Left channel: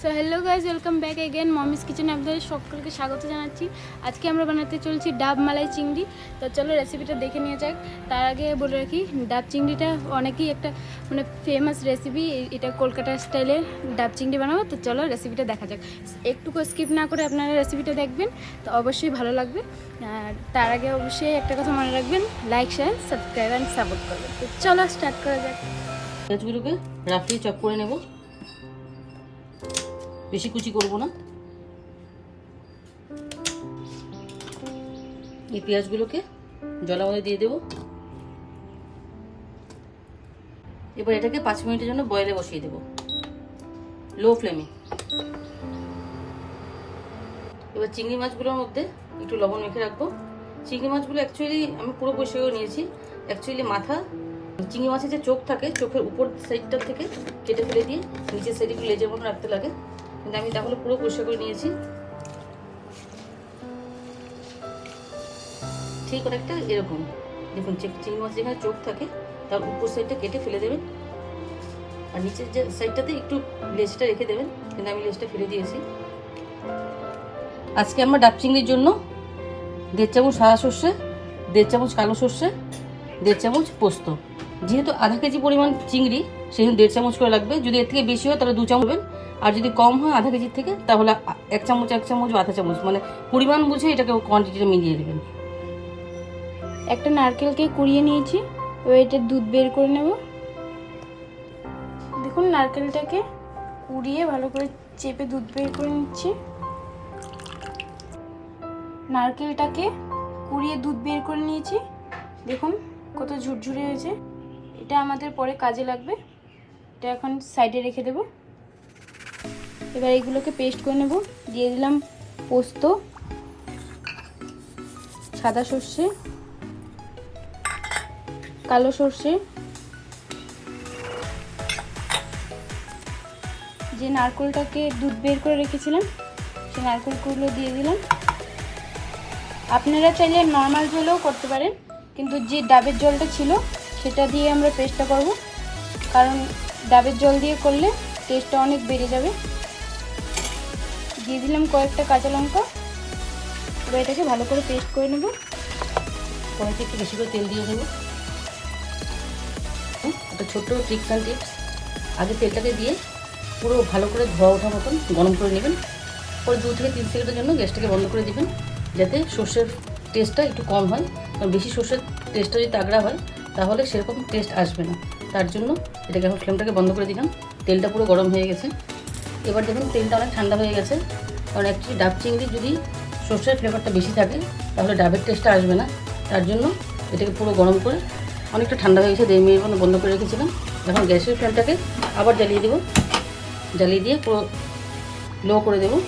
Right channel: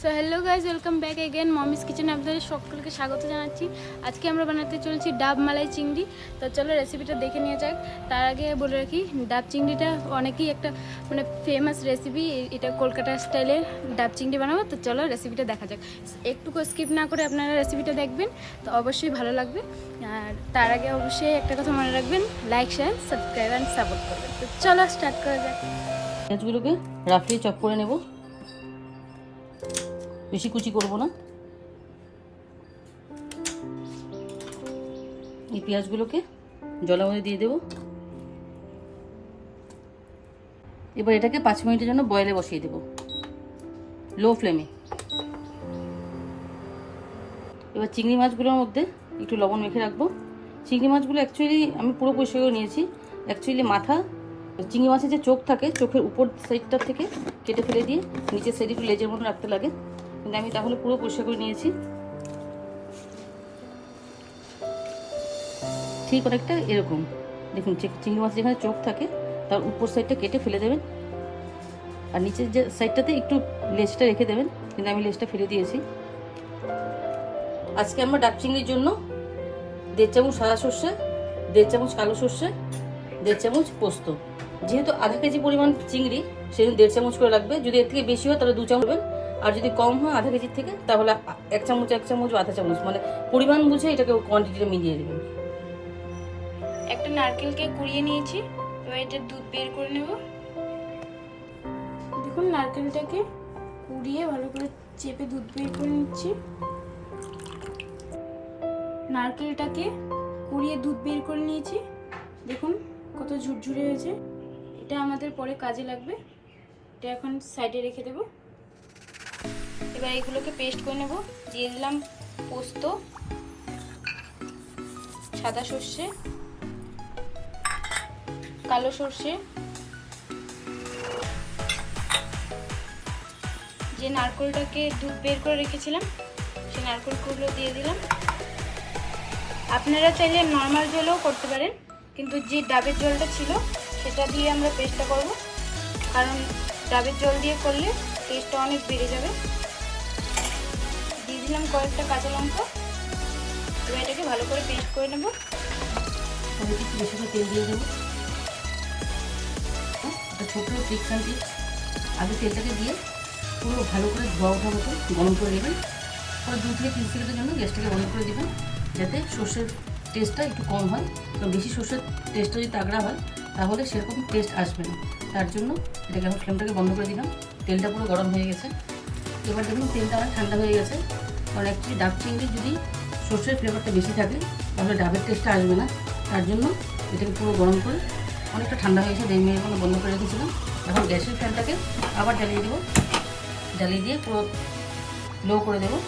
So hello guys, welcome back again mommy's কিচেনে আপনাদের সকলকে স্বাগত জানাচ্ছি। আজকে আমরা বানাতে চলছি ডাব মালাই চিংড়ি। তো চলো রেসিপিটা দেখে নিয়ে যাক। তার আগে বলে রাখি, ডাব চিংড়িটা অনেকেই একটা ফেমাস রেসিপি। এটা কলকাতা স্টাইলে ডাব চিংড়ি বানাবো। তো চলো রেসিপিটা দেখা যাক। একটুকু স্কিপ না করে আপনারা রেসিপিটা দেখবেন, তো অবশ্যই ভালো লাগবে। আর তার আগে অবশ্যই একটা কথা মনে রাখবেন, like share subscribe and support করবেন। তো চলো স্টার্ট করা যাক। পেঁয়াজগুলোকে রাফলি চপ করে নেব, বেশি কুচি করব না। এই পেঁয়াজগুলোকে জলের মধ্যে দিয়ে দেব। এবার এটাকে 5 মিনিটের জন্য বয়েলে বসিয়ে দেব, লো ফ্লেমে। এবার চিংড়ি মাছগুলোর মধ্যে একটু লবণ মেখে রাখবো। চিংড়ি মাছগুলো অ্যাকচুয়ালি আমি পুরো পরিষ্কার করে নিয়েছি। অ্যাকচুয়ালি মাথা, চিংড়ি মাছের যে চোখ থাকে, চোখের উপর সাইডটা থেকে কেটে ফেলে দিয়ে নিচের সাইডে একটু লেজের মতো রাখতে লাগে, কিন্তু আমি তাহলে পুরো পরিষ্কার করে নিয়েছি। ঠিক অনেকটা এরকম দেখুন, চিংড়ি মাছ যেখানে চোখ থাকে তার উপর সাইডটা কেটে ফেলে দেবেন, আর নিচের যে সাইডটাতে একটু লেজটা রেখে দেবেন, কিন্তু আমি লেজটা ফেলে দিয়েছি। আজকে আমরা ডাব চিংড়ির জন্য 1.5 চামচ সাদা সর্ষে, 1.5 চামচ কালো সর্ষে, 1.5 চামচ পোস্ত। যেহেতু আধা কেজি পরিমাণ চিংড়ি, সেজন্য 1.5 চামচ করে লাগবে। যদি এর থেকে বেশি হয় তাহলে 2 চামচ দেবেন, আর যদি কম হয় আধা কেজির থেকে তাহলে 1 চামচ বা আধা চামচ, মানে পরিমাণ বুঝে এটাকে কোয়ান্টিটিটা মিলিয়ে দেবেন। একটা নারকেলকে কুড়িয়ে নিয়েছি, এবার এটা দুধ বের করে নেব। দেখুন, নারকেলটাকে কুড়িয়ে ভালো করে চেপে দুধ বের করে নিচ্ছি। নারকেলটাকে কুড়িয়ে দুধ বের করে নিয়েছি, দেখুন কত ঝুরঝুরে হয়েছে। এটা আমাদের পরে কাজে লাগবে। এটা এখন সাইডে রেখে দেব। এবার এগুলোকে পেস্ট করে নেব। দিয়ে দিলাম পোস্ত, সাদা সর্ষে, কালো সর্ষে, যে নারকেলটাকে দুধ বের করে রেখেছিলাম সেই নারকেলগুলো দিয়ে দিলাম। আপনারা চাইলে নর্মাল জলও করতে পারেন, কিন্তু যে ডাবের জলটা ছিল সেটা দিয়ে আমরা পেস্টটা করব, কারণ ডাবের জল দিয়ে করলে টেস্টটা অনেক বেড়ে যাবে। দিয়ে দিলাম কয়েকটা কাঁচা লঙ্কা। এবার এটাকে ভালো করে পেস্ট করে নেব। কড়াইতে একটু বেশি করে তেল দিয়ে দেবো। একটা ছোট্ট ট্রিক্স অ্যান্ড টিপস, আগে তেলটাকে দিয়ে পুরো ভালো করে ধোয়া ওঠা মতন গরম করে নেবেন। পরে 2 থেকে 3 সেকেন্ডের জন্য গ্যাসটাকে বন্ধ করে দিবেন, যাতে সর্ষের টেস্টটা একটু কম হয়। কারণ বেশি সর্ষের টেস্টটা যদি তাগড়া হয় তাহলে সেরকম টেস্ট আসবে না। তার জন্য এটাকে এখন ফ্লেমটাকে বন্ধ করে দিলাম। তেলটা পুরো গরম হয়ে গেছে। এবার দেখুন তেলটা অনেক ঠান্ডা হয়ে গেছে, কারণ অ্যাকচুয়ালি ডাব চিংড়ি যদি সর্ষের ফ্লেভারটা বেশি থাকে তাহলে ডাবের টেস্টটা আসবে না। তার জন্য এটাকে পুরো গরম করে অনেকটা ঠান্ডা হয়ে গেছে, 1.5 মিনিট মতো বন্ধ করে রেখেছিলাম। এখন গ্যাসের ফ্লেমটাকে আবার জ্বালিয়ে দেবো, জ্বালিয়ে দিয়ে পুরো লো করে দেবো।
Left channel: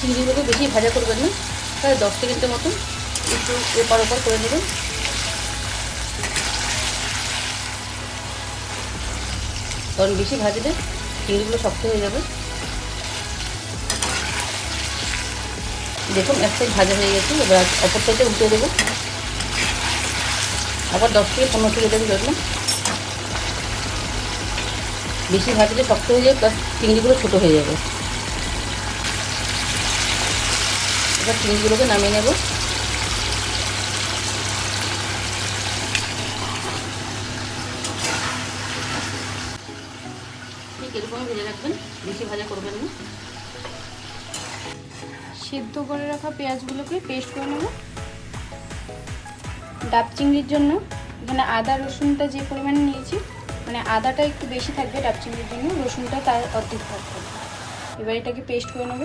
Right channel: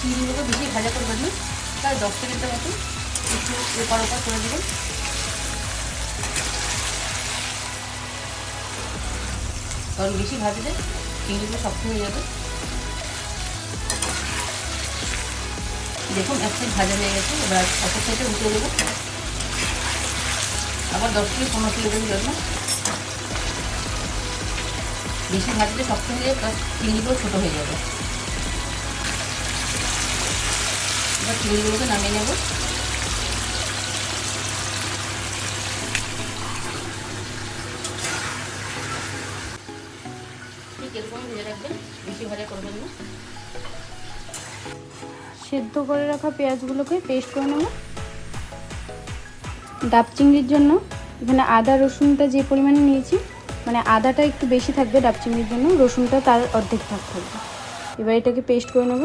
চিংড়িগুলো বেশি ভাজা করবেন না, প্রায় 10 সেকেন্ডের মতো একটু ওপর করে দেবেন। কারণ বেশি ভাজলে চিংড়িগুলো শক্ত হয়ে যাবে। দেখুন এক সাইড ভাজা হয়ে গেছে, এবার অপর সাইডে উল্টে দেবো। আবার 10 থেকে 15 সেকেন্ড লাগবে। বেশি ভাজলে শক্ত হয়ে যাবে, প্লাস চিংড়িগুলো ছোটো হয়ে যাবে। এবার চিংড়িগুলোকে নামিয়ে নেব। এরকম ভেজে রাখবেন, বেশি ভাজা করবেন না। সেদ্ধ করে রাখা পেঁয়াজগুলোকে পেস্ট করে নেব। ডাব চিংড়ির জন্য এখানে আদা রসুনটা যে পরিমাণে নিয়েছি, মানে আদাটা একটু বেশি থাকবে ডাব চিংড়ির জন্য, রসুনটা তার অর্ধেক থাকবে। এবার এটাকে পেস্ট করে নেব।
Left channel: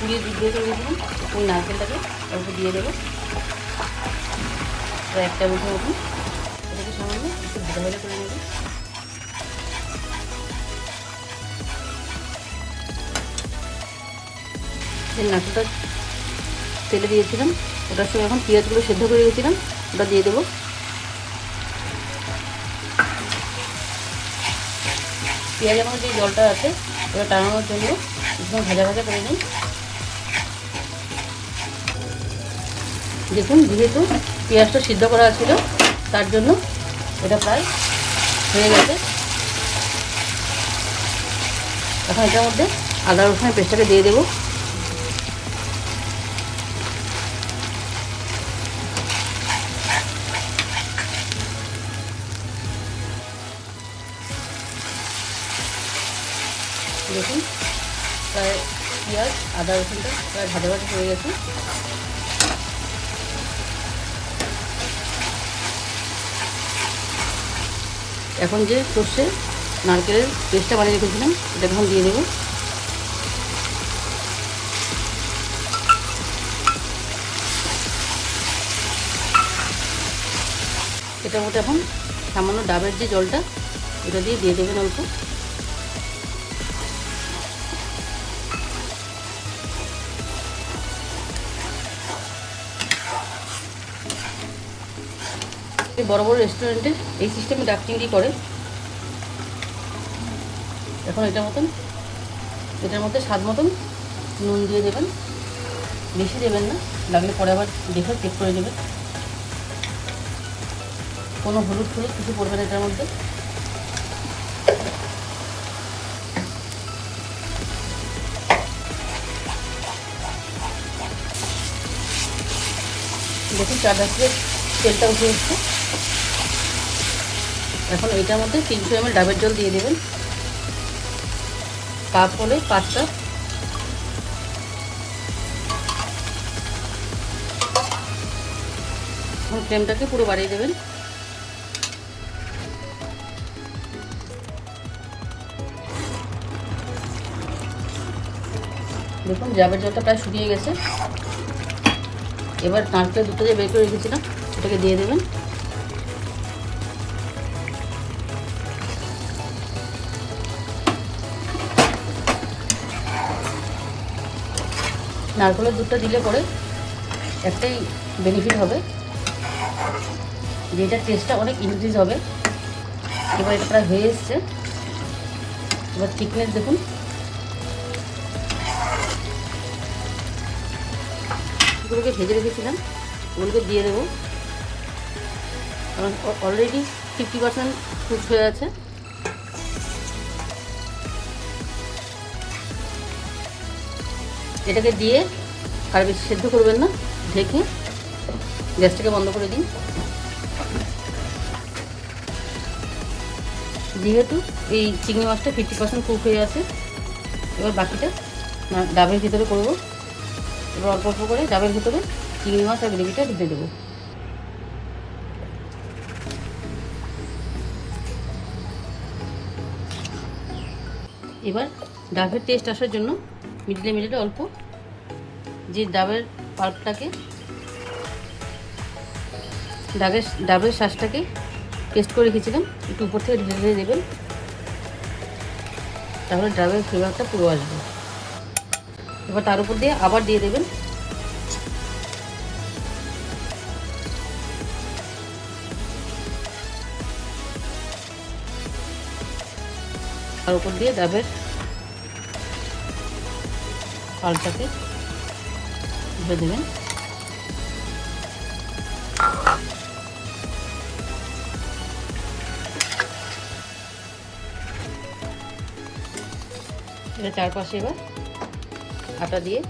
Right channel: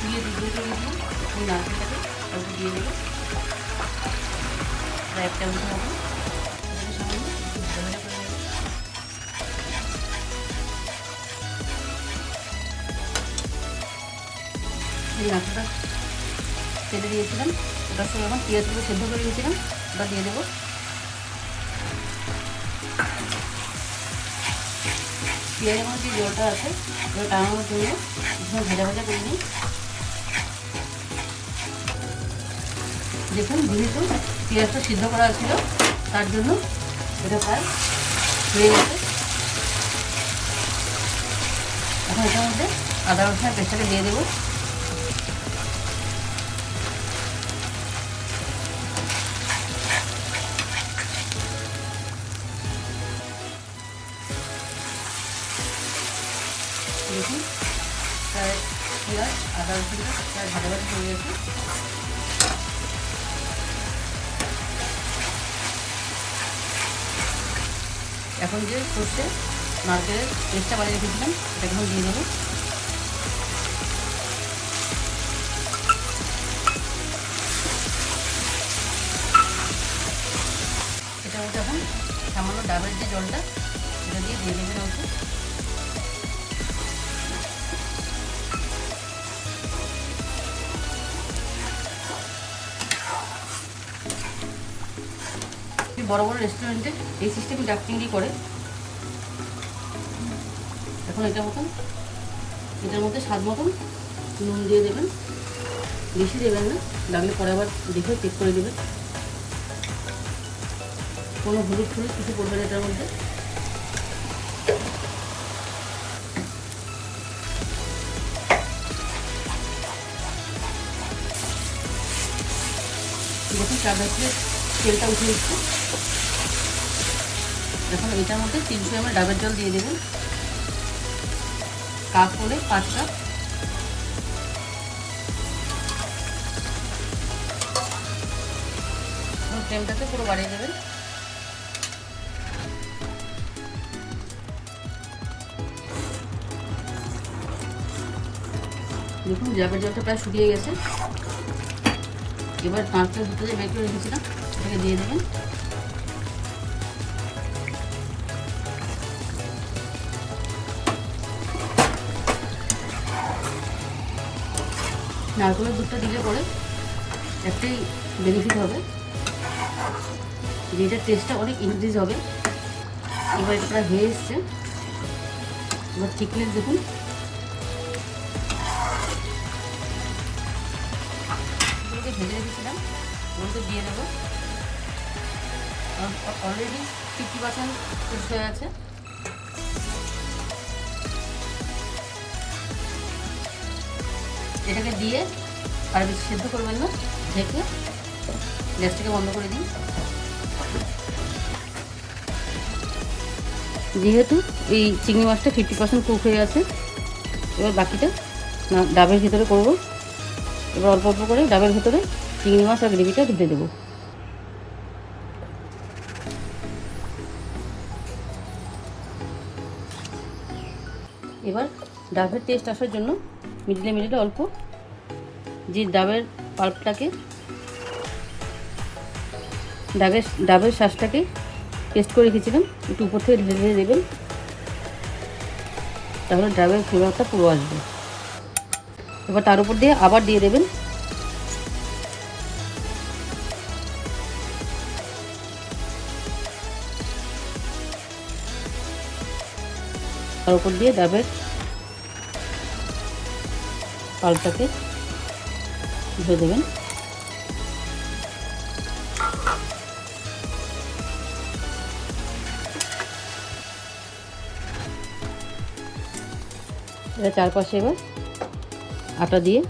দিয়ে দিই ওই নারকেলটাকে অল্প দিয়ে দেবো, প্রায় 1 চামচের মতো। এটাকে সামান্য একটু ভাজা ভাজা করে নেব। যে নারকেলটা তেলে দিয়েছিলাম ওটার সঙ্গে এখন পেঁয়াজগুলো সেদ্ধ করে দিয়েছিলাম ওটা দিয়ে দেবো। পেঁয়াজের মধ্যে যে জলটা আছে ওটা টানানোর জন্য ভাজা ভাজা করে নিই। দেখুন যেহেতু পেঁয়াজটা সিদ্ধ করা ছিল তার জন্য এটা প্রায় হয়ে গেছে। এখন এটার মধ্যে আদা রসুনের পেস্টটাকে দিয়ে দেবো। দেখুন প্রায় পেঁয়াজ আদা রসুনটা প্রায় ভালোভাবে হয়ে গেছে। এখন যে সর্ষে নারকেলের পেস্টটা বানিয়ে রেখেছিলাম এটা এখন দিয়ে দেবো। এটার মধ্যে এখন সামান্য ডাবের যে জলটা এটা দিয়ে দেবেন অল্প। বড় বড় রেস্টুরেন্টে এই সিস্টেমে ডাব চিংড়ি করে। এখন এটার মধ্যে স্বাদ মতন নুন দিয়ে দেবেন, বেশি দেবেন না, লাগলে পরে আবার দেখে চেক করে দেবেন। কোনো হলুদ কিছু পড়বে না এটার মধ্যে। দেখুন চারটা থেকে তেলটা উঠে এসছে। এখন এইটার মধ্যে 300 ml ডাবের জল দিয়ে দেবেন। কাপ হলে 5 কাপ। ফ্লেমটাকে পুরো বাড়িয়ে দেবেন। দেখুন ডাবের জলটা প্রায় শুকিয়ে গেছে। এবার নারকেল দুটো যে বের করে রেখেছিলাম সেটাকে দিয়ে দেবেন। নারকেলের দুধটা দিলে পরে একটাই বেনিফিট হবে, যে এটার টেস্টটা অনেক ইনক্রিজ হবে। এবার এটা প্রায় হয়ে এসছে। এবার থিকনেস দেখুন, এগুলোকে ভেজে রেখেছিলাম ওগুলোকে দিয়ে দেবো। অলরেডি 50% কুক হয়ে আছে। এটাকে দিয়ে আর বেশি সেদ্ধ করবেন না, ঢেকে গ্যাসটাকে বন্ধ করে দিন। যেহেতু এই চিংড়ি মাছটা 50% কুক হয়ে আছে, এবার বাকিটা ডাবের ভিতরে করবো। এবার অল্প অল্প করে ডাবের ভিতরে চিংড়ি মাছ আর গ্রেভিটা ঢেলে দেবো। এবার ডাবের টেস্ট আসার জন্য মিডিলে অল্প যে ডাবের পাল্পটাকে ডাবের শ্বাসটাকে পেস্ট করে রেখেছিলাম একটু উপর থেকে ঢেলে দেবেন, তাহলে ডাবের ফ্লেভারটা পুরো আসবে। এবার তার উপর দিয়ে আবার দিয়ে দেবেন তার উপর দিয়ে ডাবের পাল্পটাকে ঢেলে দেবেন। এটা চারপাশে এবার আটা দিয়ে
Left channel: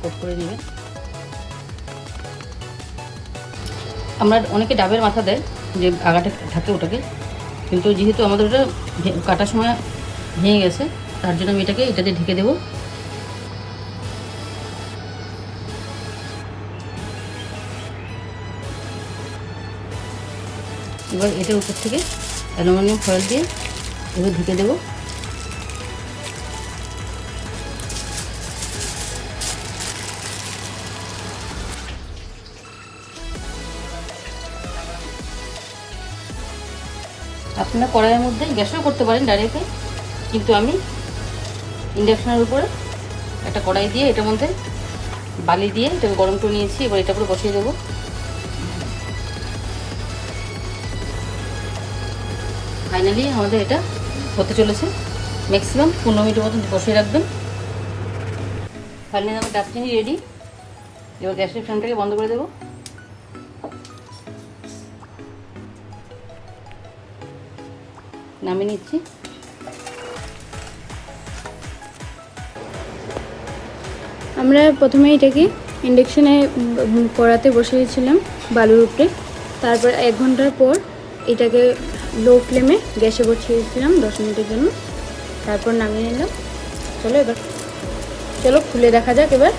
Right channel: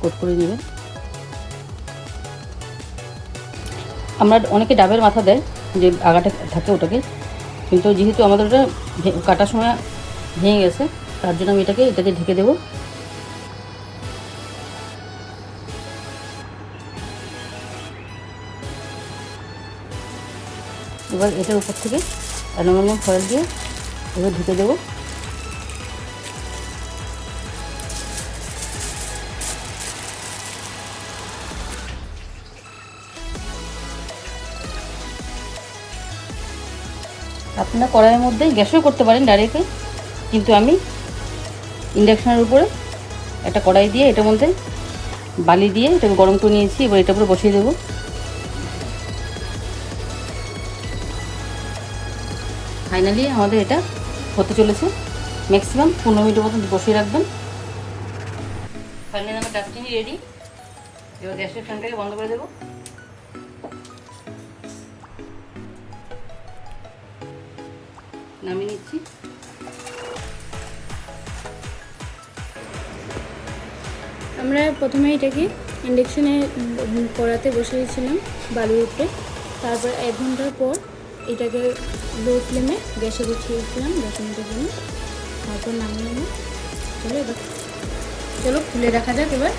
কোট করে দেবেন। আমরা অনেকে ডাবের মাথা দেয় যে আগাটা থাকে ওটাকে, কিন্তু যেহেতু আমাদের ওটা কাটার সময় ভেঙে গেছে তার জন্য আমি এটাকে ঢেকে দেবো। এবার এটার উপর থেকে অ্যালুমিনিয়াম ফয়েল দিয়ে এবার ঢেকে দেবো। আপনার কড়াইয়ের মধ্যে গ্যাসও করতে পারেন ডাইরেক্টলি, কিন্তু আমি ইন্ডাকশনের উপরে একটা কড়াই দিয়ে এটার মধ্যে বালি দিয়ে এটাকে গরম করে নিয়েছি। এবার এটা করে বসিয়ে দেবো। ফাইনালি আমাদের এটা হতে চলেছে। ম্যাক্সিমাম 15 মিনিটের মতন বসিয়ে রাখবেন। ফাইনালি আমার ডাব চিংড়ি রেডি। এবার গ্যাসের ফ্লেমটাকে বন্ধ করে দেবো। নামিয়ে নিচ্ছি। আমরা প্রথমে এটাকে ইন্ডাকশনে কড়াতে বসিয়েছিলাম বালুর উপরে, তারপর 1 ঘন্টার পর এটাকে লো ফ্লেমে গ্যাসে বসিয়েছিলাম 10 মিনিটের জন্য, তারপর নামিয়ে নিলাম। চলো খুলে দেখা যাক এবার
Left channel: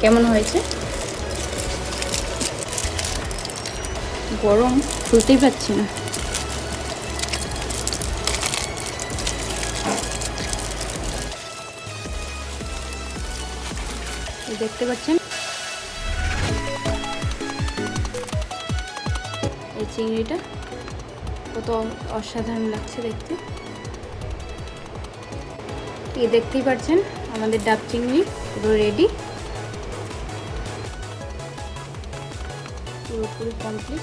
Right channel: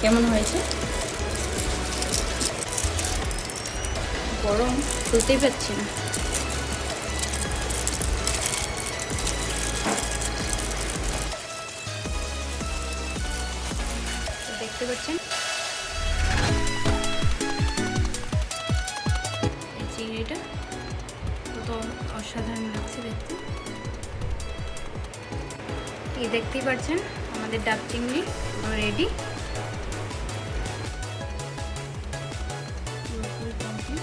কেমন হয়েছে। গরম, খুলতেই পারছি না। দেখতে পাচ্ছেন এই চিংড়িটা কত অসাধারণ লাগছে দেখতে। এই দেখতেই পাচ্ছেন আমাদের ডাব চিংড়ি পুরো রেডি, পুরোপুরি কমপ্লিট।